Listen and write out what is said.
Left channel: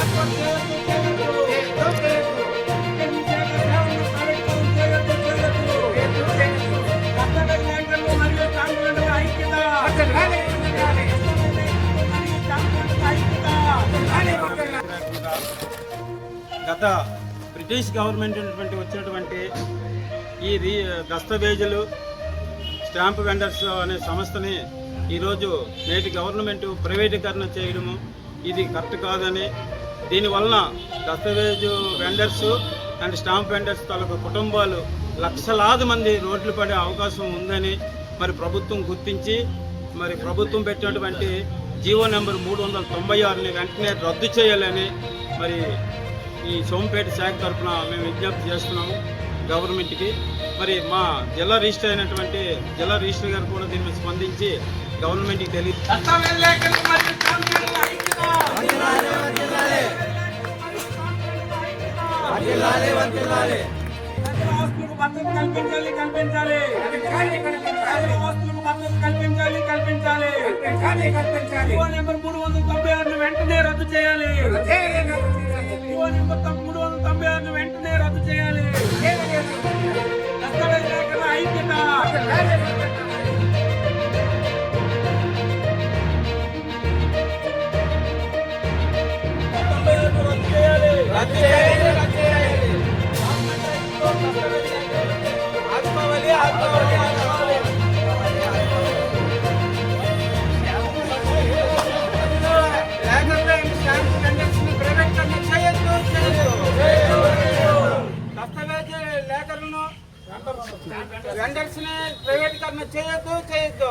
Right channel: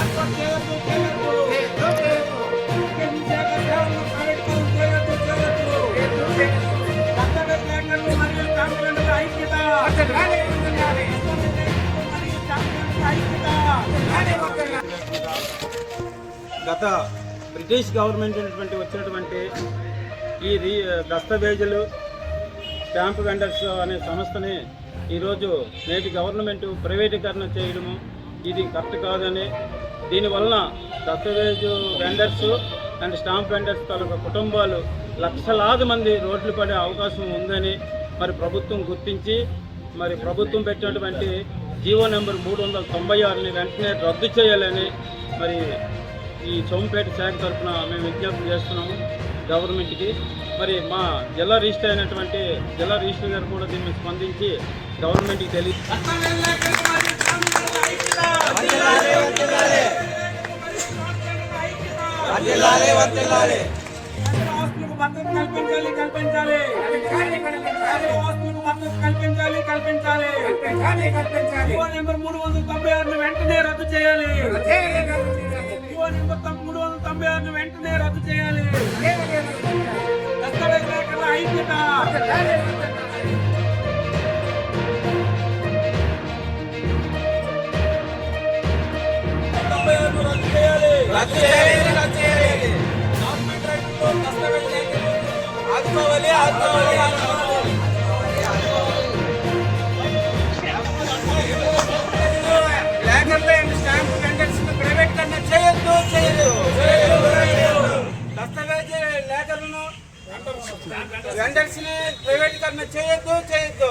ఏర్పాటు చేయొద్దు సేవలను ప్రైవేటీకరణ చేయొద్దు దస్తావేజ్ లేఖలు మరియు స్టాంపుల ఐక్యత మరియు స్టాంపుల ఐక్యత. గత బ్రిటిష్ గవర్నమెంట్ వచ్చినటువంటి ఈ దస్తావేజులు స్టాంప్ వెండర్స్ అనే సంస్థని ఈరోజు నేటి గవర్నమెంట్ ప్రైవేటీకరణ చేయడము ఇది కరెక్ట్ కాదని, దీనివలన దస్తావేజు వెండర్స్ అండ్ స్టాంప్ వెండర్స్ తాలూకా కుటుంబాలు లక్షలాది మంది రోడ్లు పడే అవకాశం ఉందని మరి ప్రభుత్వం గుర్తించి మరి ప్రభుత్వం పెట్టినటువంటి జీవో నెంబర్ 396ని వెంటనే రద్దు చేయాలని మరి ఈ సోంపేట శాఖ తరఫున మేము విజ్ఞప్తి చేస్తున్నాము గవర్నమెంట్కి. మరి మా జిల్లా రిజిస్టర్ అయినటువంటి జిల్లా రిజిస్టర్ గారు కూడా దీన్ని స్పందించి గవర్నమెంట్కి తెలియదు. కల్పించాలి కల్పించాలి కల్పించాలి జీవో నెంబర్ 396 వెంటనే రద్దు చేయాలి. జీవో నెంబర్ 396 వెంటనే రద్దు చేయాలి. దస్తావేజ్ లేఖల ఐక్యత. రద్దు చేయాలి. ప్రైవేటీకరణ చేయొద్దు దస్తావేజ్ లేఖలను వెండర్స్ ని ప్రైవేటీకరణ చేయొద్దు.